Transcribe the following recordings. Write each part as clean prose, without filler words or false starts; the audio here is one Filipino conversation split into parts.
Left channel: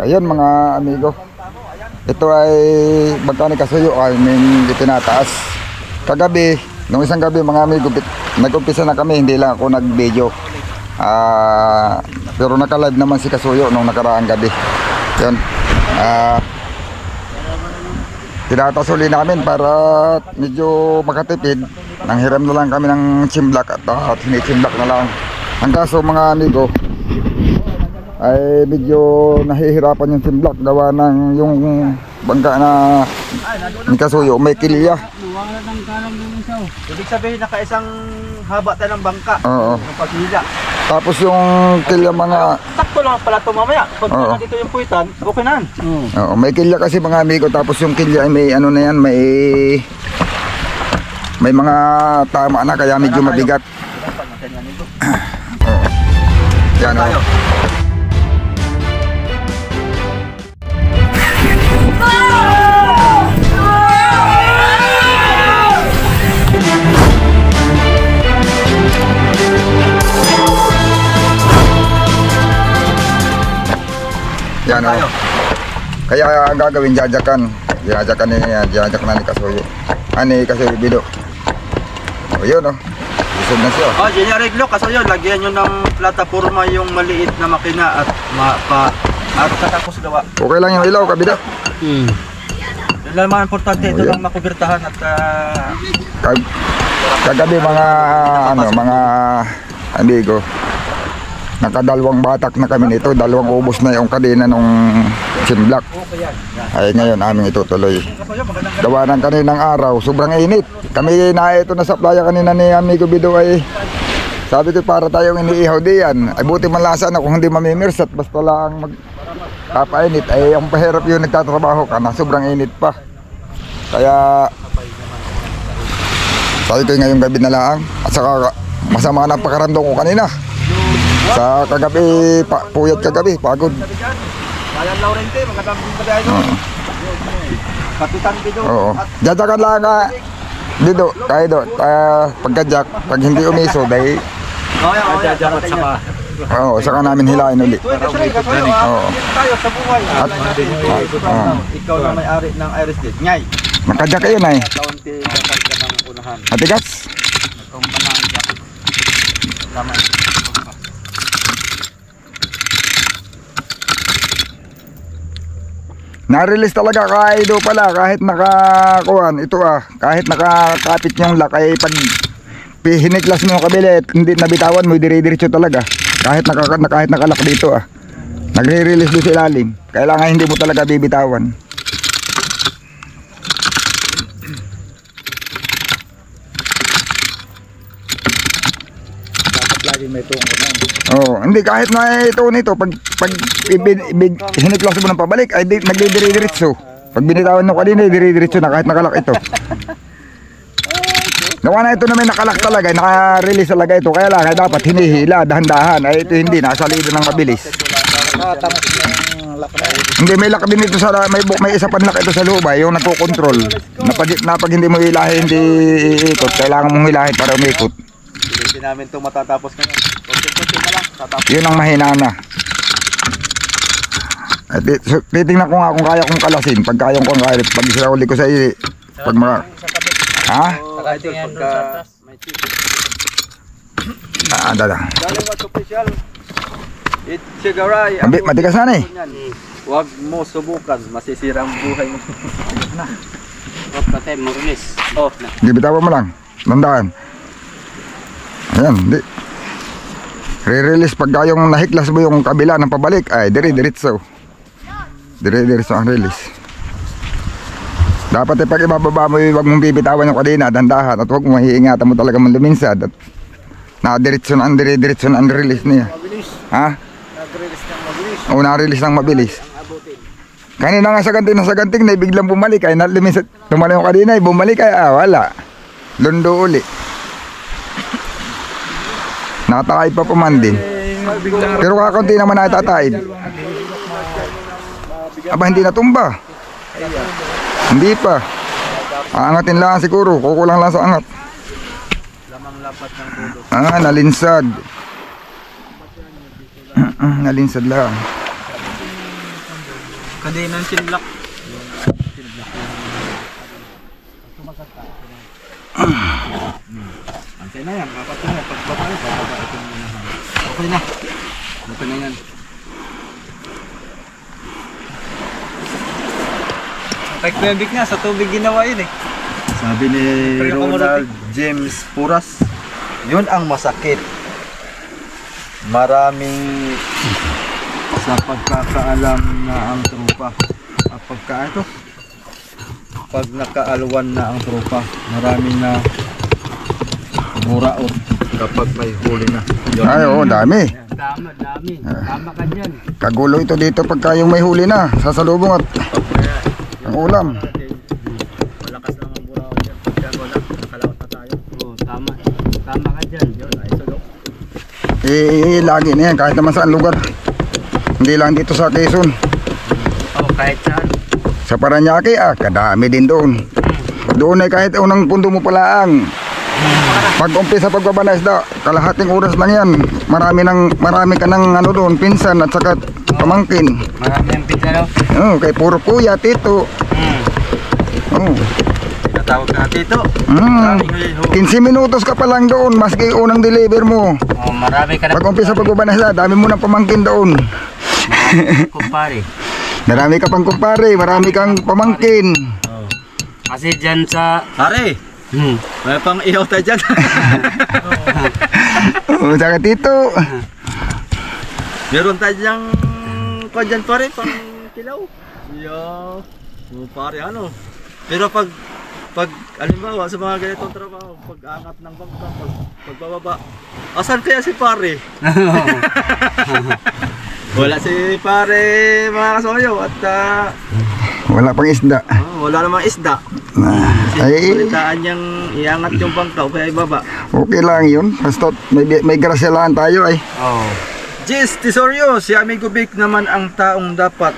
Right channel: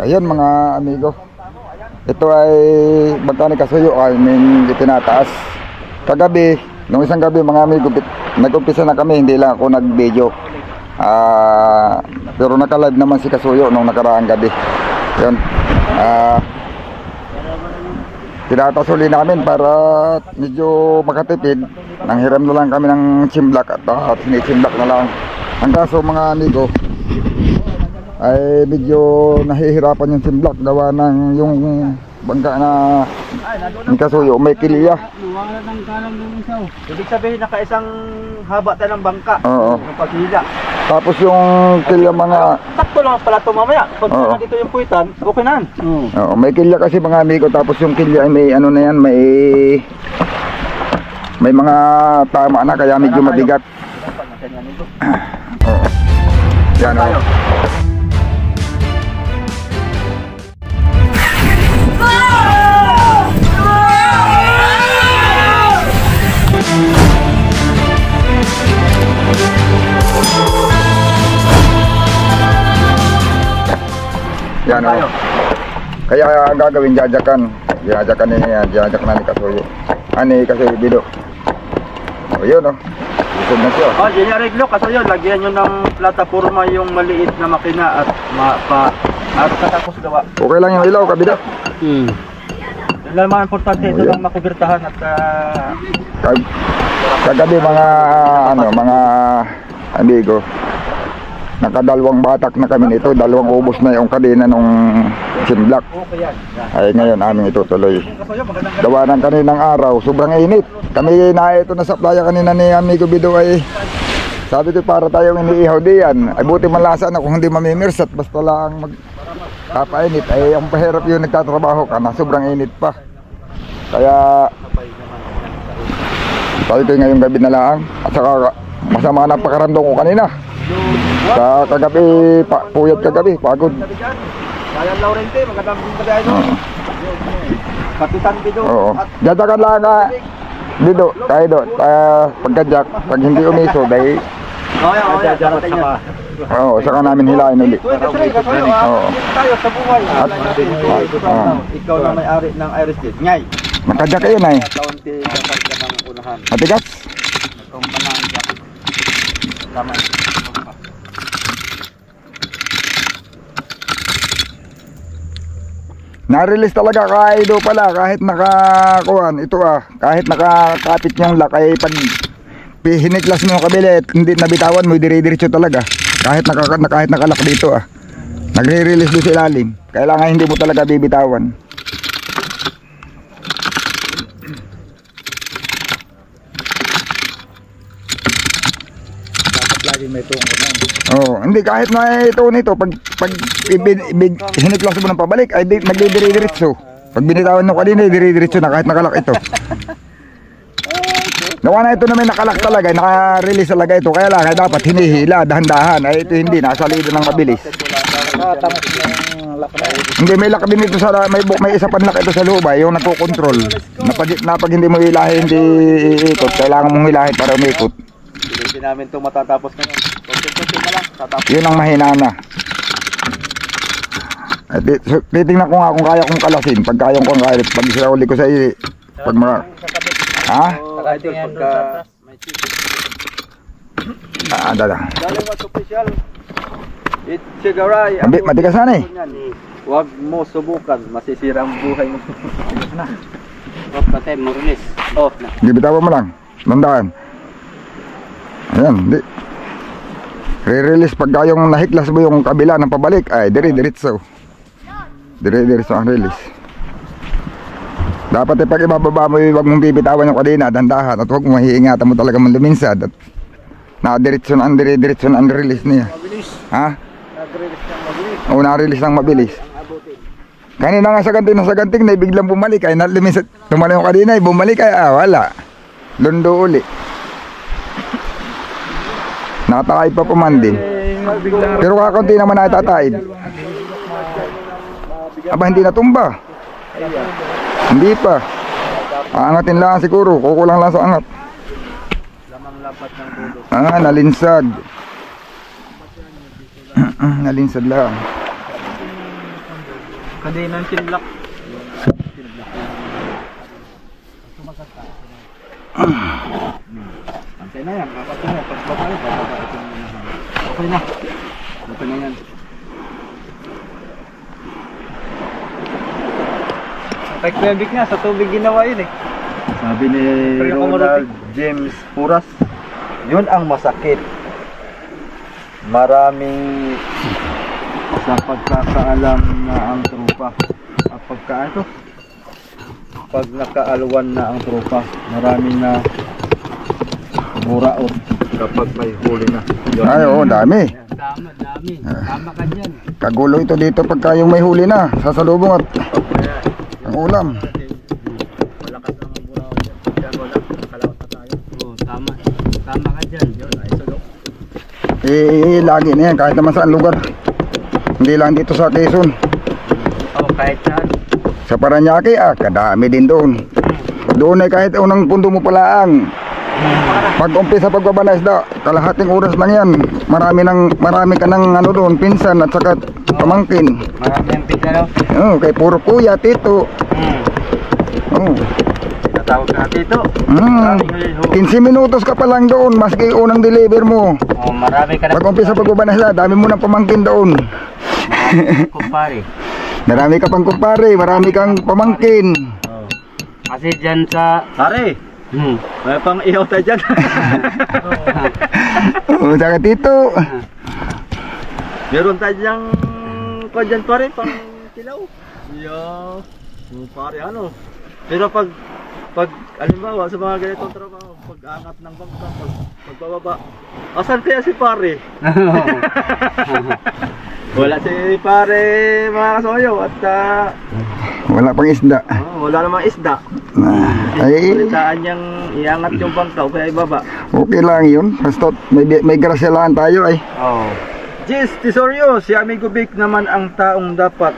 Ayun mga amigo. Ito ay magkano kasuyo ay itinataas. Kagabi, nung isang gabi mga amigo, nag-umpisa na kami, hindi lang ako nag-video. Pero naka-live naman si Kasuyo nung nakaraang gabi. Yun. Tinatasuli namin para medyo makatipid. Nanghiram na lang kami ng chimblak at hinichimblak na lang. Ang kaso mga amigo ay medyo nahihirapan yung chimblak gawa ng yung bangka na ni Kasuyo may kilya. Ibig sabihin nakaisang haba tayo ng bangka. Oo. Ng paghila. Tapos yung kilya mga sakto lang pala ito mamaya. Pag nandito yung puwitan, okay na. Oo, may kilya kasi mga amigo. Tapos yung kilya ay may ano na yan, may mga tama na kaya medyo mabigat. Oo. Yan o. Yan o. Kaya ang gagawin, jajakan na ni Kasuyo. Ani Kasuyo Bido. O yun o. Busog na siya. Jenny Arreglo, Kasuyo, lagyan nyo ng plataforma yung maliit na makina at katapos gawa. Okay lang yung ilaw, kabida. Yun lang mga importante, ito lang makubirtahan at kagabi mga mga amigo, nakadalawang batak na kami nito, dalawang ubos na yung kadena nung chimblak. Ay ngayon aming itutuloy. Gawa ng kaninang araw, sobrang init. Kami na ito na sa playa kanina ni amigo Bido ay sabi ko para tayong iniihaw diyan. Ay buti malasa na kung hindi mamimirsat basta lang magpapainit. Ay ang pahirap yung nagtatrabaho ka na sobrang init pa. Kaya sabi ko ngayong gabi na lang at saka masama na pakaramdam ko kanina. Sa kagabi, puyat kagabi, pagod. Bayan Laurente, magandang gabi doon. Kapitan Bido. Oo. Jajakan lang ka. Bido, tayo do. Pagkajak, pag hindi umiso, dahil oo, saka namin hilain ulit. Oo. Tayo sa buhay. Ikaw na may-ari ng Iris Gate. Ngay. Nakajak kayo na eh. Matigas? Tama. Na-release talaga kaido pala kahit nakakuan ito kahit nakakapit yung lock ay pag hiniklas mo yung kabila hindi nabitawan mo dire-diretso talaga kahit nakalak dito nagre-release doon sa ilalim kailangan hindi mo talaga bibitawan. May tungkol na. Oh, hindi kahit na ito nito pag hiniklas mo ng pabalik ay nagdidire-diretso. Pag binitawan mo kanina dire-diretso na kahit nakalak ito. Gawa na ito na may nakalak talaga, naka-release talaga ito kaya lang dapat hinihila dahan-dahan ay ito hindi nasalida ng mabilis. Hindi may lock din ito sa may isa pang lock ito sa loob yung nagko-control. Na pag hindi mo hilahin hindi ikot, kailangan mong hilahin para umikot. Hindi namin ito matatapos ngayon. Konti-konti na lang. Yun ang mahina na. Titingnan ko nga kung kaya kong kalasin. Pag kaya kong kaya, pag isauli ko sa iyo. Pag mga... Ha? Dada. Daling what's official. It's Sigaray. Matigas na eh. Huwag mo subukan. Masisira ang buhay mo. Huwag ka tayo, Morales. Gibitawan mo lang. Nandaan. Ayan, di. Re-release pag yung nahiklas mo yung kabila ng pabalik ay dire-diretso. Dire-diretso ang release. Dapat pag ibababa mo huwag mong bibitawan yung kadena, dandahan at huwag mo hiingatan mo talaga mong luminsad at na-diretso na ang dire-diretso na ang release niya. Ha? O na-release ng mabilis. Kanina nga sa ganting na biglang bumalik ay luminsad. Tumala yung kadena ay bumalik ay wala. Lundo uli. Nakataib pa man din. Pero kakaunti naman na itataib. Aba hindi natumba. Hindi pa. Aangatin lang siguro. Kukulang lang sa angat. Nalinsad. Nalinsad lang. Kadinang sinlak. Antay na yan, apat na yan. Pagpapalo, okay na. Okay na yan. Tagpebik nga, sa tubig ginawa yun eh. Sabi ni Ronald James Puras, yun ang masakit. Maraming sa pagkakaalam na ang trupa. Pag nakaalwan na ang trupa, maraming na buraot kapag may huli na. Yun. Ay, oo, dami. Tama, dami. Tama ka dyan. Kagulo ito dito pagka yung may huli na. Sasalubong at ang ulam. Malakas lang ang buraot dyan. Kaya wala, nakalawat na tayo. Oo, tama. Tama ka dyan. Yun, ay sulok. Lagi na yan, kahit naman saan lugar. Hindi lang dito sa Quezon. Oo, kahit saan. Sa Paranaque, kadami din doon. Doon ay kahit unang pundo mo pala ang pag umpisa pagbaba na isda, kalahating oras lang yan. Marami ka ng ano doon, pinsan at saka pamangkin. Marami ang pizza daw. Oh, kay puro kuya, tito. Oh. Tinatawag na dito. 15 minutos ka pa lang doon, maski unang deliver mo. Oo, marami ka na. Pag umpisa pagbaba na isda, dami mo ng pamangkin doon. Kumpare. Marami ka pang kumpare, marami kang pamangkin. Kasi dyan sa... Pare, may pang ihaw tayo dyan. Oh, saka tito. Meron tayo dyang kung dyan pare, pang kilaw. Yeah. So, pare ano. Pero pag alimbawa sa mga ganitong trabaho, pag-angat ng bangka, pagbababa, asan kaya si pare? Wala si pare mga kasoyo at Wala pang isda. wala namang isda. Ay, Palitaan niyang iangat yung bangka o kaya ibaba. okay lang yun. Basta may grasyalaan tayo ay. Oo. Jis Tisorio, si Amigo Vic naman ang taong dapat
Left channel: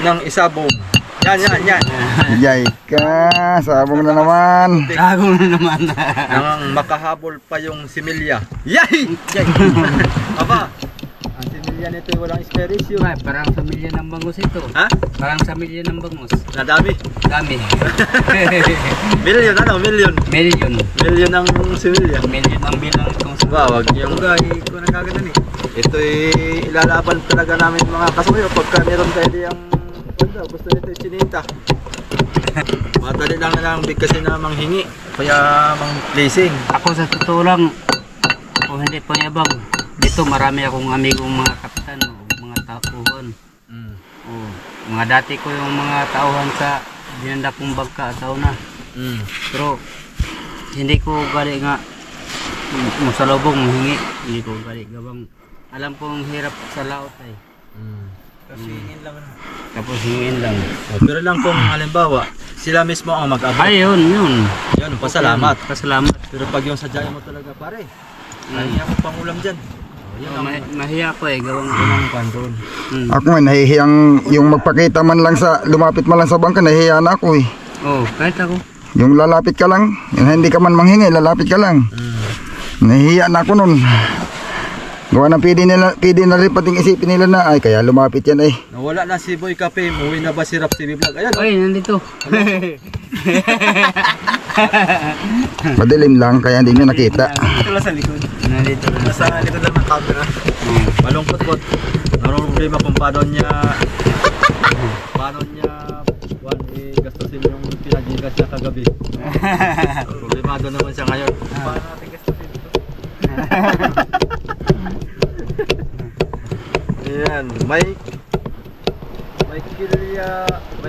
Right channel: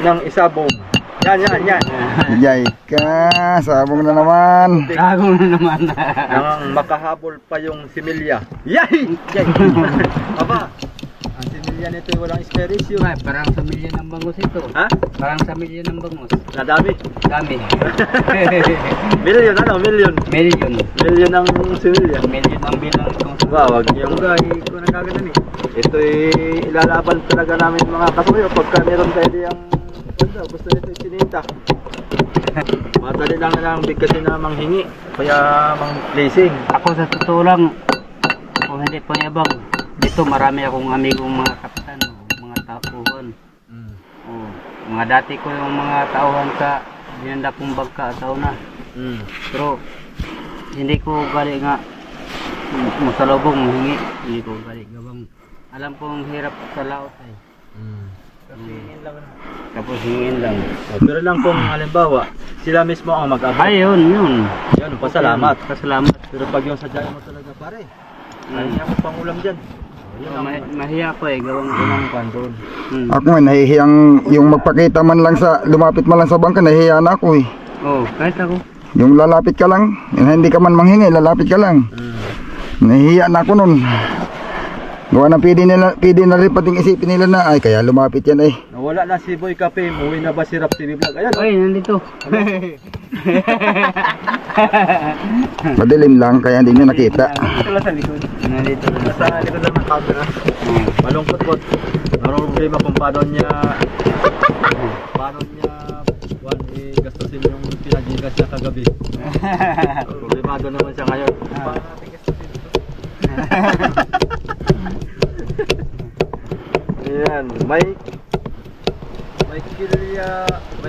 ng isabong. Yan. Yay ka, sabong na naman. Gago na naman. Nang makahabol pa yung similya. Yay! Aba, ang similya nito walang esperisyo. Ay, parang samilya ng bangus ito. Ha? Parang samilya ng bangus. Nadami. Dami. Million ano? Million. Million. Million ang similya. Million ang bilang itong sa... Wag yung ko nagkaganda ni. Ito'y ilalaban talaga namin mga kasuyo pagka meron tayo diyang gusto nito isinita. Madali lang na lang big kasi na manghingi. Kaya mang placing. Ako sa totoo lang, kung hindi po yabang, dito marami akong amigong mga kapitan o mga tauhan. O, mga dati ko yung mga tauhan sa binanda kong bangka tao na. Pero hindi ko gali nga masalubong mahingi. Hindi ko gali gawang. Alam kong hirap sa laot ay. Kasi hingin lang. Tapos hingin lang. Pero lang kung halimbawa, sila mismo ang mag-abot. Ay, yun. Yun, pasalamat. Pasalamat. Pero pag yung sadya mo talaga pare, kaya ko pang ulam dyan. Yun ang Mahiya ko eh, gawang pandon. Ako nga, nahihiyang yung magpakita man lang sa, lumapit man lang sa bangka, nahihiya na ako eh. Oo, kahit ako. Yung lalapit ka lang, yung hindi ka man manghingi, lalapit ka lang. Nahihiya na ako nun. Gawa ng pwede na rin pating isipin nila na, ay kaya lumapit yan eh. Nawala na si Boy Cafe, umuwi na ba si Rap TV Vlog? Ayan, Ay, nandito. Madilim lang, kaya hindi nyo nakita. ito lang sa likod. Nandito. Nasa likod lang ng camera. Malungkot po. Naroon problema kung paano niya gastusin yung pinagigas niya kagabi. Problemado naman siya ngayon. Paano natin gastusin ito? Ayan, may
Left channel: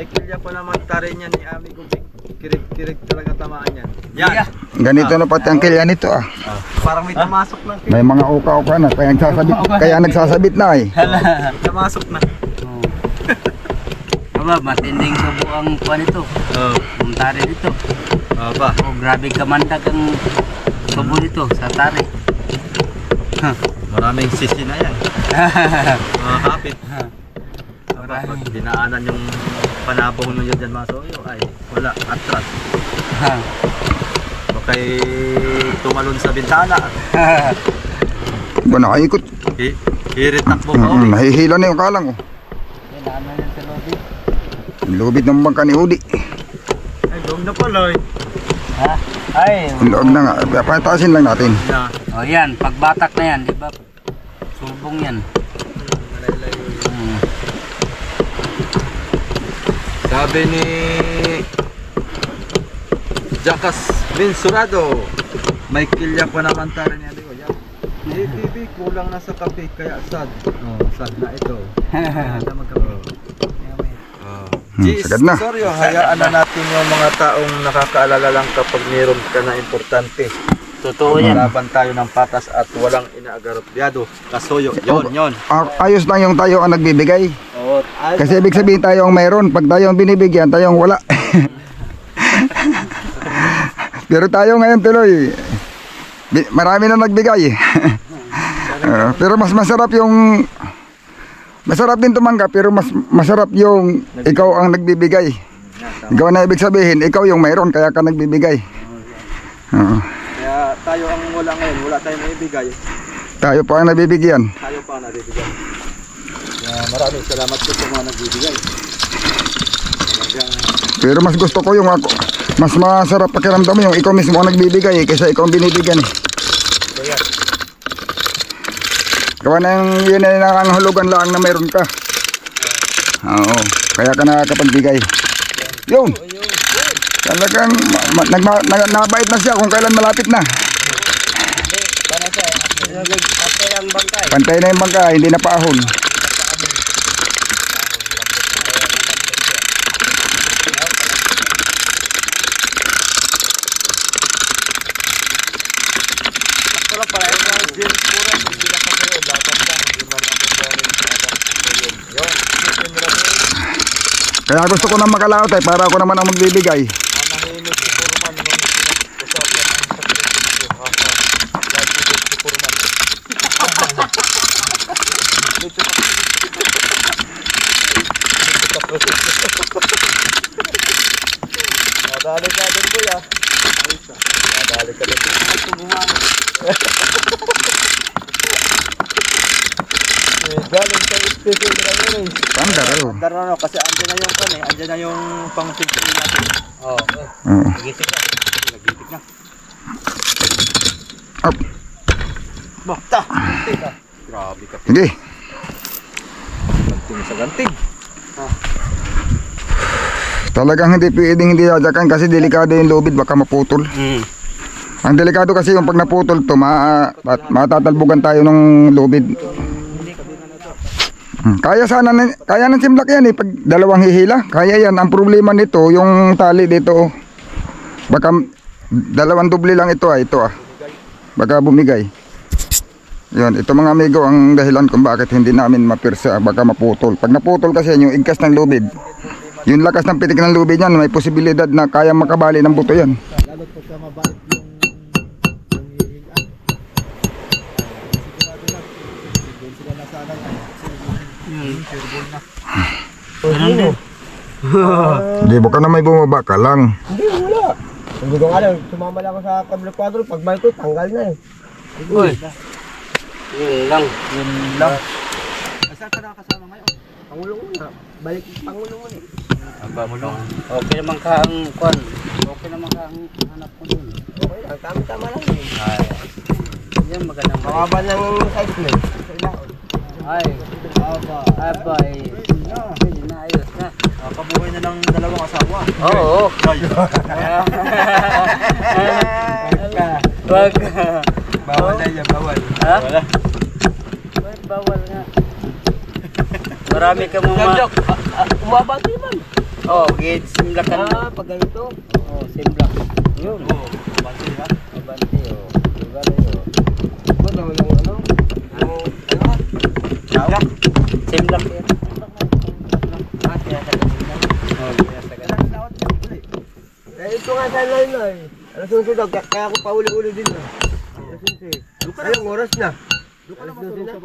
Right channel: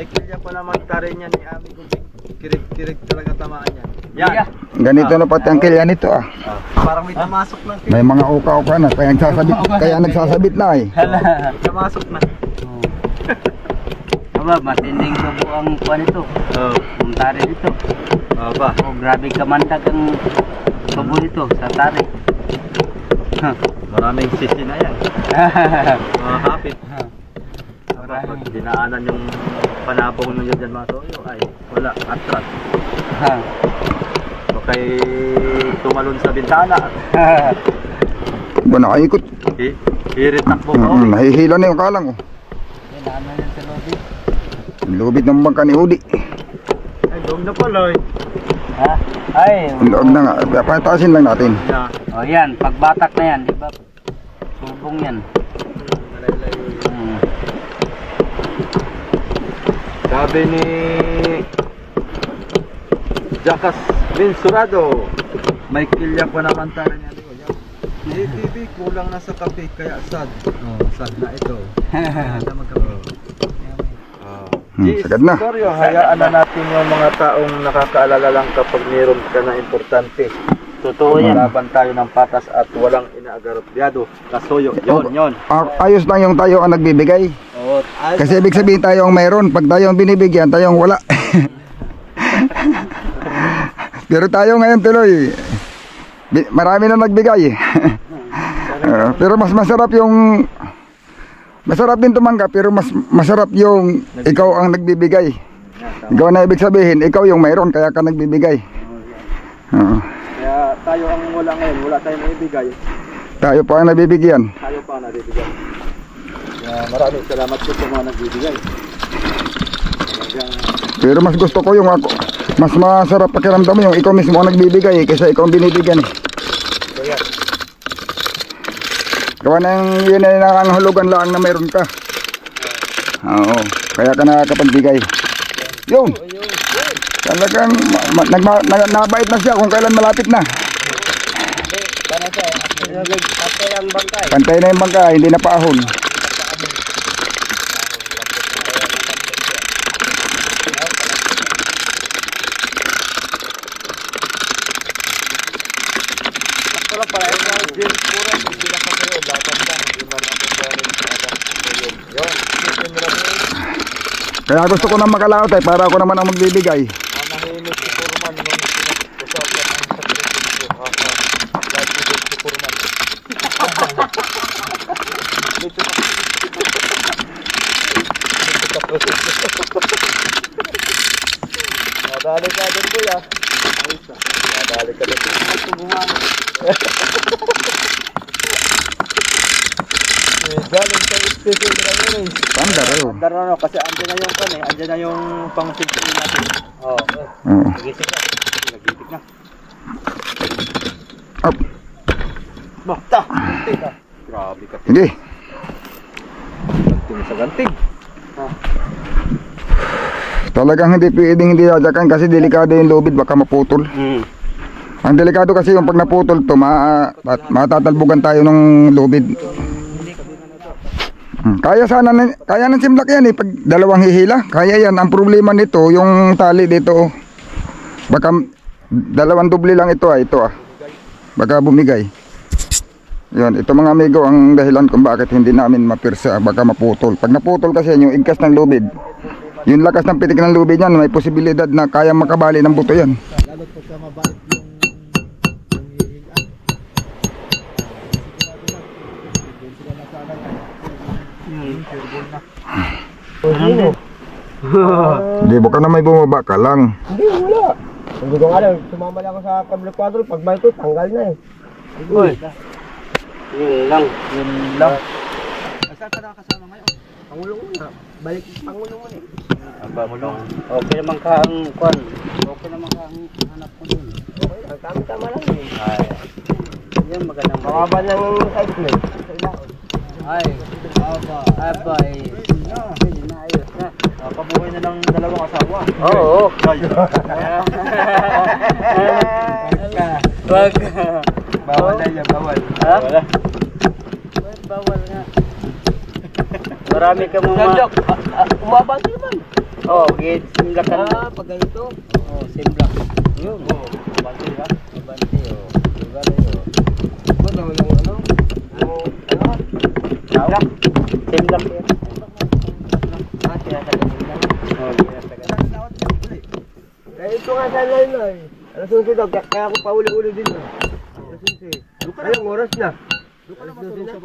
kilya pa naman tarin yan ni Amigo Vic. Kirig talaga tamaan yan. Yan. Ganito na pati ang kilya nito ah. Parang may tamasok ng kilya. May mga uka-uka na, kaya nagsasabit na eh. Tamasok na. Aba, matinding subo ang kuha nito. Ang tari nito. Aba. Oh, grabe kamandag ang subo nito sa tari. Maraming sisi na yan. Mga kapit. Pag dinaanan yung panabong nyo dyan mga soyo, ay wala, atras. Bakay tumalon sa bintana. Ba nakaikot? Hirit takbo ka. Nahihila na yung kalang oh. Kailangan yan sa lobby. Lubid ng bangka ni Udi. Ay, doon na pala eh. Ha? Ay, Luwag na nga. Pataasin lang natin. Yeah. oh yan, pagbatak na yan, di ba? Subong yan. Sabi ni Jackas Bensurado, may kilya pa naman tayo niya. ATV kulang na sa kape kaya sad. Oh, sad na ito. Hindi magkape. Sagad na. Sorry, hayaan na natin yung mga taong nakakaalala lang kapag mayroon ka na importante. Totoo yan. Laban tayo ng patas at walang inaagarobyado. Kasuyo, yon. Ayos lang yung tayo ang nagbibigay. Oh, Kasi ibig sabihin tayo ang mayroon. Pag tayo ang binibigyan, tayo ang wala. Pero tayo ngayon tuloy. Marami na nagbigay. Pero mas masarap yung... Masarap din tumanggap pero mas masarap yung ikaw ang nagbibigay. Ikaw na ibig sabihin, ikaw yung mayroon kaya ka nagbibigay. Kaya tayo ang wala ngayon, wala tayong maibigay. Tayo pa ang nabibigyan. Tayo pa ang nabibigyan. Kaya maraming salamat po sa mga nagbibigay. Pero mas gusto ko yung ako. Mas masarap pakiramdam yung ikaw mismo ang nagbibigay kaysa ikaw ang binibigyan eh. Kaya, Gawa ng yun ay nakangahulugan lang na mayroon ka. Oo, kaya ka nakakapagbigay. Yun. Talagang nabait na siya kung kailan malapit na. Pantay na yung bangka, hindi na paahon. Kaya gusto ko na makalaot eh, para ako naman ang magbibigay. nadali ka din kuya. Nadali ka din. Galing sa station na yun eh. Panda kayo. Darano kasi andyan na yung kan eh. Andyan na yung pang-station natin. Oo. Oo. Nagitik na. Nagitik na. Up. Bakta. Gantig ah. Grabe ka. Sige. Ganting sa ganting. Talagang hindi pwedeng hindi dadyakan kasi delikado yung lubid, baka maputol. Ang delikado kasi yung pag naputol to, matatalbugan tayo ng lubid. Kaya sana, kaya ng simlak yan eh, pag dalawang hihila, kaya yan. Ang problema nito, yung tali dito, baka dalawang doble lang ito ah, baka bumigay. Yun, ito mga amigo ang dahilan kung bakit hindi namin mapirsa, baka maputol. Pag naputol kasi yung igkas ng lubid, yung lakas ng pitik ng lubid yan, may posibilidad na kaya makabali ng buto yan. Lalo pagka mabait yung hihigaan. Doon sila nasalang. Hindi, baka na may bumaba ka lang. Hindi, wala. Hindi ko alam, sumama lang ako sa kabila kwadro, pagbalik ko, tanggal na eh. Uy. Yun lang. Yun lang. Saan ka nakakasama ngayon? Pangulo mo na, balik pangulo mo eh. Pamulong. Okay naman ka ang kwan. Okay naman ka ang hanap ko dun. Okay lang, tama-tama lang eh. Yan magandang Mababa ng size mo eh. Sa ilaon. Ay, aba eh. Yun na, ayos na. Kabuhay na ng dalawang asawa. Oo. Wag. Bawal na yan, bawal. Ha? Bawal nga. Marami ka mga... Umaba ito naman. Oh, gate simlak ka na. Pag ganito. Oh, simlak. Yun. Banti ha? Abante, oh. Diba rin, oh. Ito daw lang ano? Simlak. Simlak yan. Kaya sa ganito. Oh, kaya sa ganun. Eh, ito nga sa line na eh. Alas 11 daw, kaya ako pauli-uli din na. Alas 11. Ayun, oras na. Alas 12 na.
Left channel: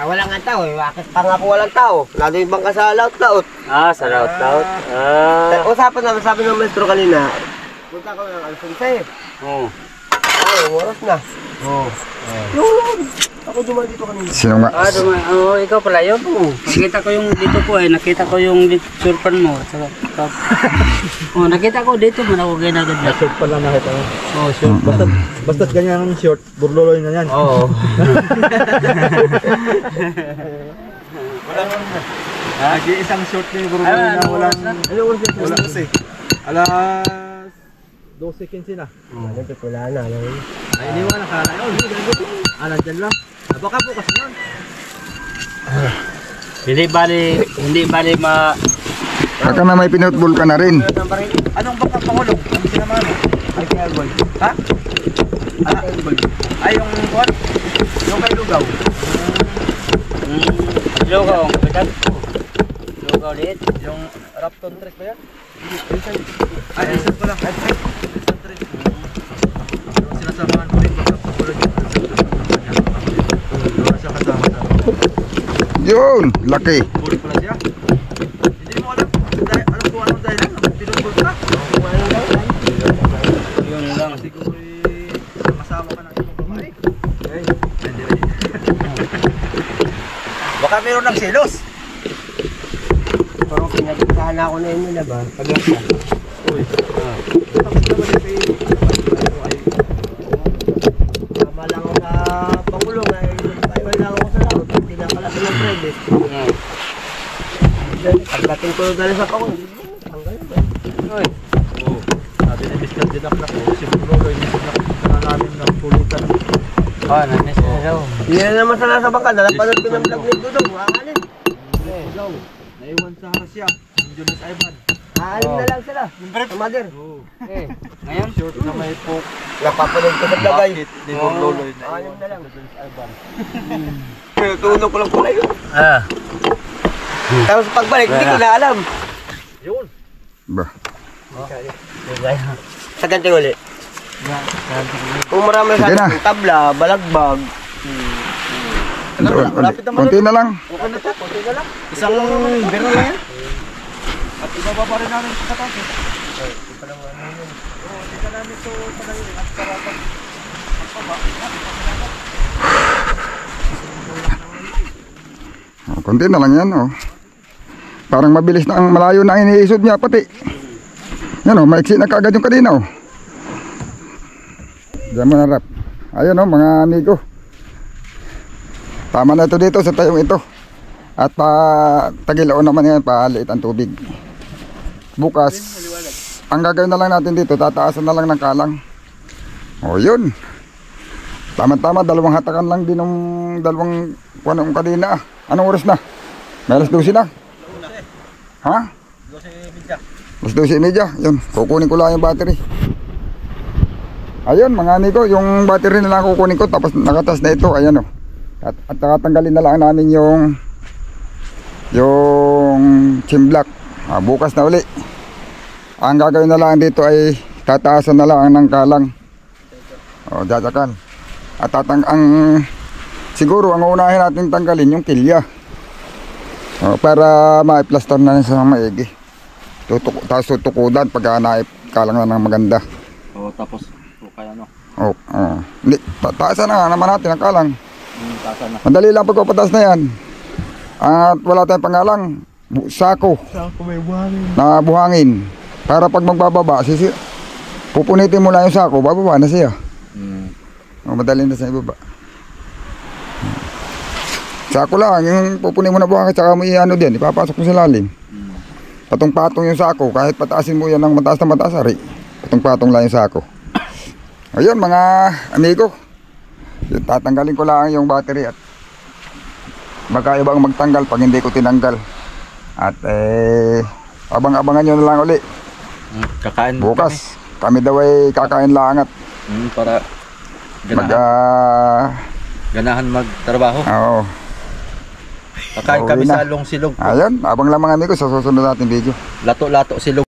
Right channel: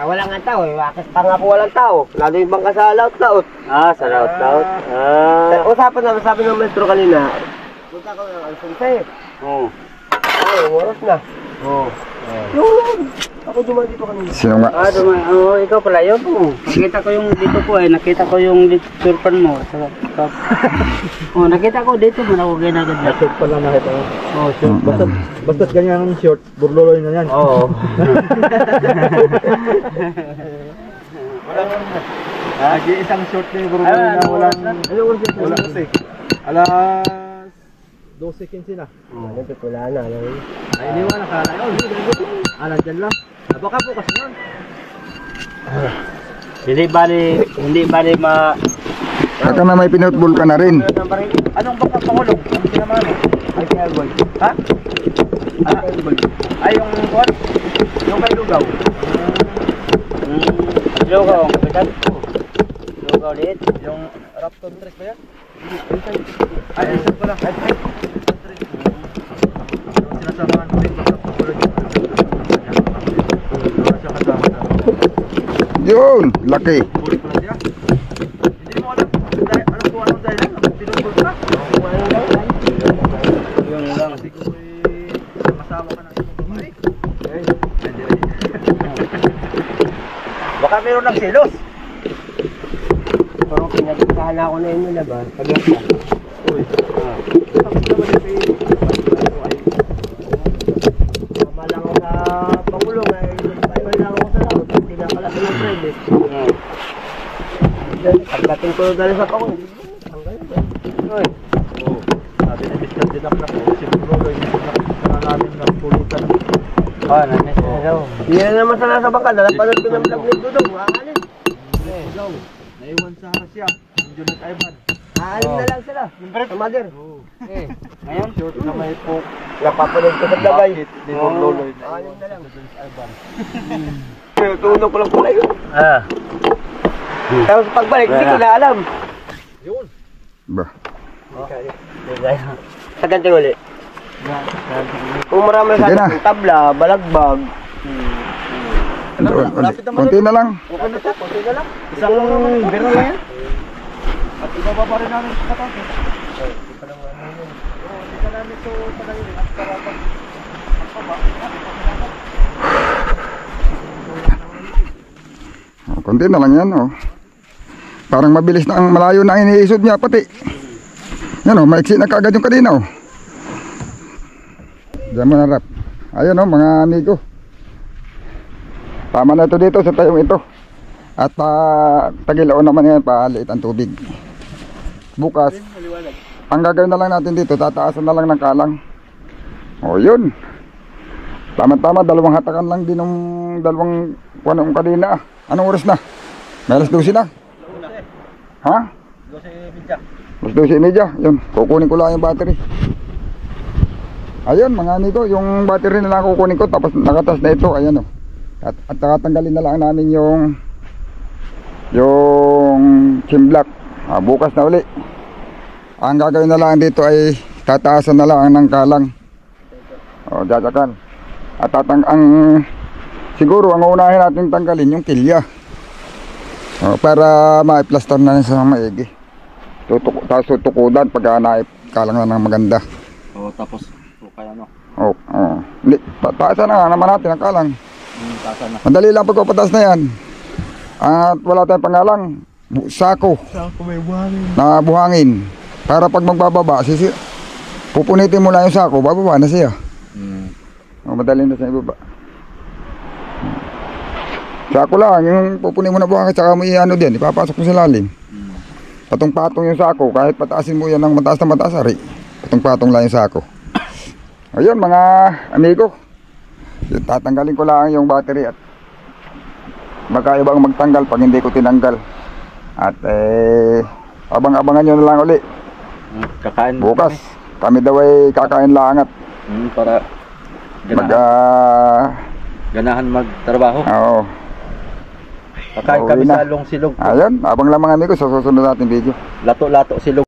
Wala nga tao eh. Bakit pa nga po walang tao? Lalo yung bangka sa laut-laut. Ah, sa laut-laut. Ah. Usapan naman, sabi ng maestro kanina. Punta ko ng alas 11. Oh. Ay, oras na. Oh. Ako dumaan dito kanina. Sino nga? Ikaw pala yun. Nakita ko yung dito po nakita ko yung surpan mo. Nakita ko dito mo na ako ginagad na. Short pa lang nakita ko. Short. Basta't ganyan ang short, burloloy na yan. Oo. Nag-iisang short na yung burloloy na walang... Wala kasi. Alas 12:15 na. Wala na. Ay, iniwan na kala yun. Nandyan lang. Baka po kasi yun. Hindi bali Baka na may pinutbol ka na rin. Anong baka pangulong? Ang sinamahan mo? Ay, kaya gold. Ha? Ay, yung what? Yung kay Lugaw. Lugaw, kapitan. Lugaw ulit. Yung Raptor Trek ba yan? Ay, isang ko lang. Ay, sinasamahan ko rin. Baka pangulong yung doon siya kasama sa Yun, laki. huli pala siya. Hindi mo alam. Alam ko anong dahil lang. Pinutbol ka. Yun lang. Kasi ko kasama ka ng ibang babae. Baka meron ng selos. Parang pinagkahan ako na yun nila ba? Pag-yak na. Uy. Tapos naman yung kay... Tama lang ako sa Pangulong ay nagpaiwan lang ako sa laot. Hindi na pala sa credit. Pagdating ko dali sa Pangulong, tanggal ba? Uy. Sabi ni Mr. Dinak na po, si Bruno, hindi na namin ng pulutan. Nanis na daw. Hindi na naman sana sa bangka. Dalapanood ko ng vlog ni Dudong. Aalis. Ikaw, naiwan sa Russia, yung Jonas Ivan. Aalis na lang sila. Sa mother. Ngayon? Short na may poke. Napapanood ko sa vlog ay. Ni Loloy na Aalis na lang. Jonas Ivan. Tunog ko lang pala yun. Tapos pagbalik, hindi ko na alam. Yun. Ba. Sa ganti uli. Kung marami Sige sa na. atin, tabla, balagbag. Doon ulit. Kunti na lang. Okay na to, konti na lang. Isang biro lang yan. At ibababa rin namin sa katas. Hindi ka namin ito panayin at sarapag. Kunti na lang yan, oh. Parang mabilis na ang malayo na ang iniisod niya pati. Yan, oh, maiksi na kaagad yung kanina, oh. Diyan mo na, Rap. Ayun, oh, mga amigo. Tama na ito dito sa tayong ito. At tagilaon naman yan, paliit ang tubig. Bukas, ang gagawin na lang natin dito, tataasan na lang ng kalang. O yun. Tama-tama, dalawang hatakan lang din ng dalawang kuwanong kanina. Anong oras na? May alas 12 na? Ha? 12:30. Alas 12:30. Yun, kukunin ko lang yung battery. Ayun mga amigo, yung battery na lang kukunin ko. Tapos nakatas na ito, ayan o. At tatanggalin na lang namin yung chimblock. Bukas na uli. Ang gagawin na lang dito ay tataasan na lang ng kalang. O, dadakan. At siguro ang unahin natin tanggalin yung kilya. O, para ma-plaster na sa maigi. Tapos tutukudan pagka naikalang na ng maganda. Tapos kaya no. Hindi, taasan na nga naman natin ang kalang. Tasa na. Madali lang pagpapataas na yan. At wala tayong pangalang sako Sako may buhangin. na buhangin. Para pag magbababa, pupunitin mo lang yung sako, bababa na siya. Madali na sa ibaba. Sako lang, yung pupunin mo na buhangin, saka mo i-ano din, ipapasok mo sa lalim. Patong-patong yung sako, kahit pataasin mo yan ng mataas na mataas, ari. Patong-patong lang yung sako. Ayun mga amigo, tatanggalin ko lang yung battery at magkaibang magtanggal pag hindi ko tinanggal. At abang-abangan nyo na lang uli. Kakain Bukas, kami daw ay kakain lang at para ganahan magtrabaho. Oo. Kakain Pauwi kami na. sa Long Silog. Ayun, abang lang mga amigo sa susunod natin video. Lato-lato silog.